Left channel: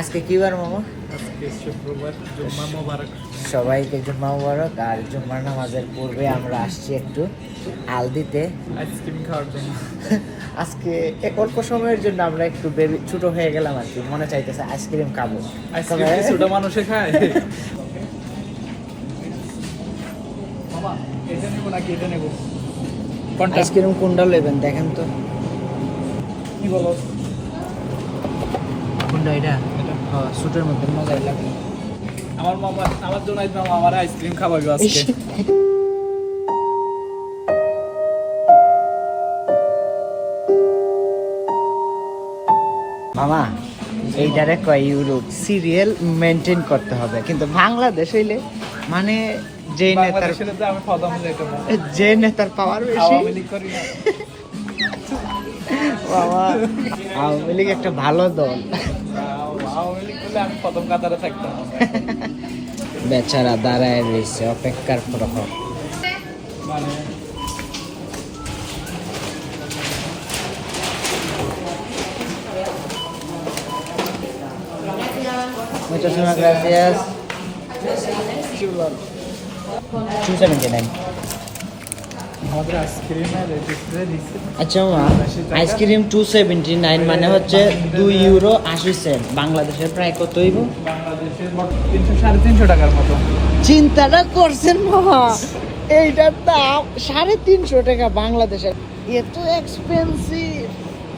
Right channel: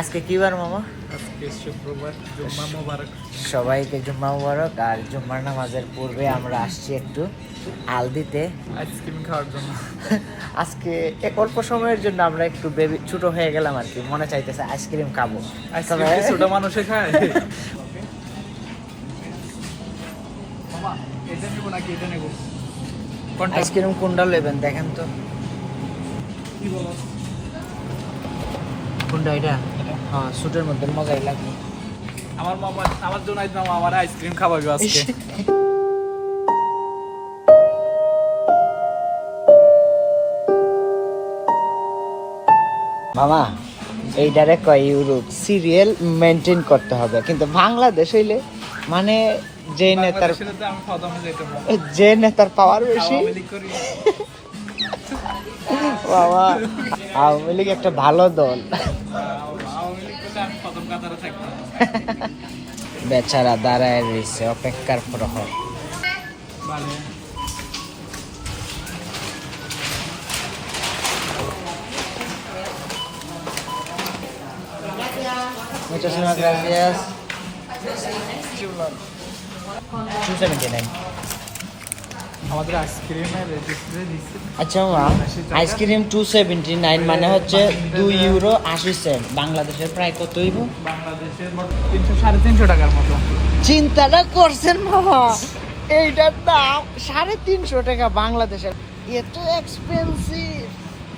আজকে কি বার মামা? আজকে শুক্রবার, জুম্মা মোবারক। সবাইকে জুম্মা মুবারক। আর জুম্মার নামাজের পূর্বে আমরা আসছি একটু আলদিতে আইসক্রিম খাওয়ার জন্য। আজকে এক অল্প সময়ের জন্য আমরা একটু বেবি ছোট হয়ে গেলাম আর কি, মনে চাইতেছে আইসক্রিম খাবো। আইসক্রিম কি ছোট মানুষে খায়? মামা এটা নেবো নাকি এটা নেবো? কোনটা? আইসক্রিম কোনটা নেবেন দেখেন তো। কি বলো? কোনটা এটা? হ্যাঁ, ছোটের মধ্যে মজাই লাগে। আমার মামা আমার জন্য মামা আমার আইসক্রিম খাওয়াবে আজকে। মামা এইটারে কয় ইউরোপ সিরিয়াল মেনটেন করতে হবে, কিন্তু বাংলাদেশ হইলে মানে যে নেতার বাংলাদেশের তো আমি প্রথম যাইতাম না। যে নেতার পাওয়ার বেশি। আওয়ামী লীগ করি না। বাবা, আওয়ামী লীগ একটা ভালো দল। আওয়ামী লীগ করলে আমি প্রথম কাতারে থাকতাম। বেচারা দাঁড়ায় রয়েছে অপেক্ষার প্রহর। মানে Muchísimas gracias. 279. আমাদের আইসক্রিমের রেজিস্ট্রে দিচ্ছে। আচ্ছা মামা, আইসক্রিম 279 মানে হচ্ছে 2 ইউরো 80 সেন্ট। বাংলাদেশের প্রায় কত হইব? বাংলাদেশের 300-350 টাকার মতো। চিন্তাটা করছেন মামা, এইটার দাম 350 টাকা বাংলাদেশের। এত এক্সপেন্সিভ,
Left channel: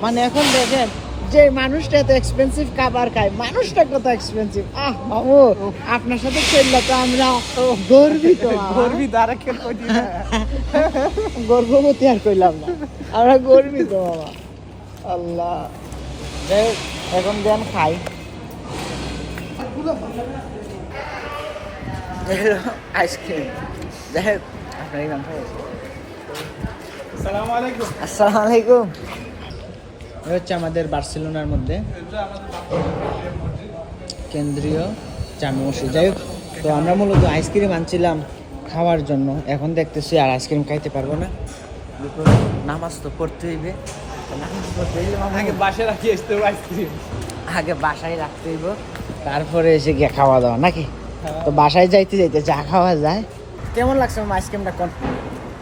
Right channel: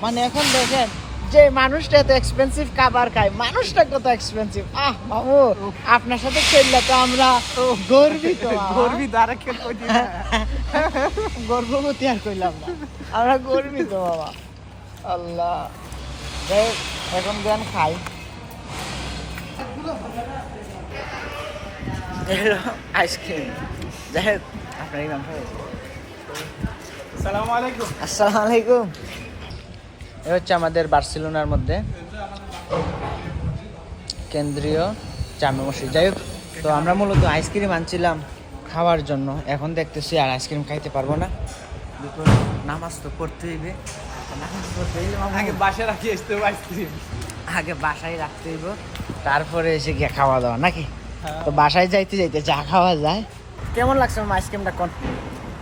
মানে এখন দেখেন যে মানুষটা এত এক্সপেন্সিভ খাবার খায়, মানুষটা কত এক্সপেন্সিভ। বাবু, আপনার সাথে খেললে তো আমরা গর্বিত। গর্বিত আর খেল করি না। গর্ভবতী আর কইলাম না, আমরা গর্বিত বাবা। আল্লাহ, দেখ এখন দেন খাই। আইসক্রিম দেখ আপনার এই নাম। আসসালামু আলাইকুম। আসসালামু আলাইকুম। এ হচ্ছে আমাদের বার্সেলোনার মধ্যে কেন্দ্রীয় জামে মসজিদ। যাই হোক, তো আমরা মূলত আইসক্রিম আনছিলাম খাওয়ার জন্য। এখন দেখতেছি আর আইসক্রিম খাইতে পারবো না, নামাজ তো পড়তে হইবে। নামাজ পড়তে হইলে আগে বাসায় রাখি আসতে হবে আইসক্রিম। আগে বাসায় রাখতে হইব, তারপরে এসে গিয়ে খাওয়া দাওয়া নাকি। তো বাসায় যাইতে যাইতে যা খাওয়া যায়। কেমন লাগছে আমার আইসক্রিমটা? কোন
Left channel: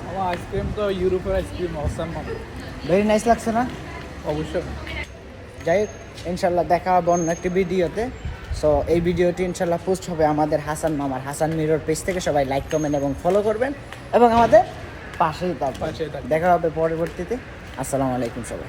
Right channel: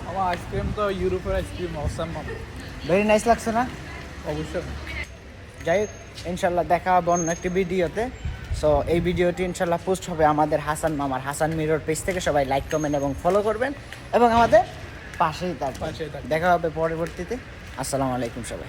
আমার আইসক্রিম তো ইউরোপের আইসক্রিম, অসাম। ভেরি নাইস লাগছে না? অবশ্যই। যাই হোক, ইনশাল্লাহ দেখা হবে অন্য একটি ভিডিওতে। সো এই ভিডিওটি ইনশাল্লাহ পোস্ট হবে আমাদের হাসান মামার হাসান মিরর পেজ থেকে। সবাই লাইক, কমেন্ট এবং ফলো করবেন এবং আমাদের পাশেই থাকবেন। দেখা হবে পরবর্তীতে। আসসালামু আলাইকুম সবাই।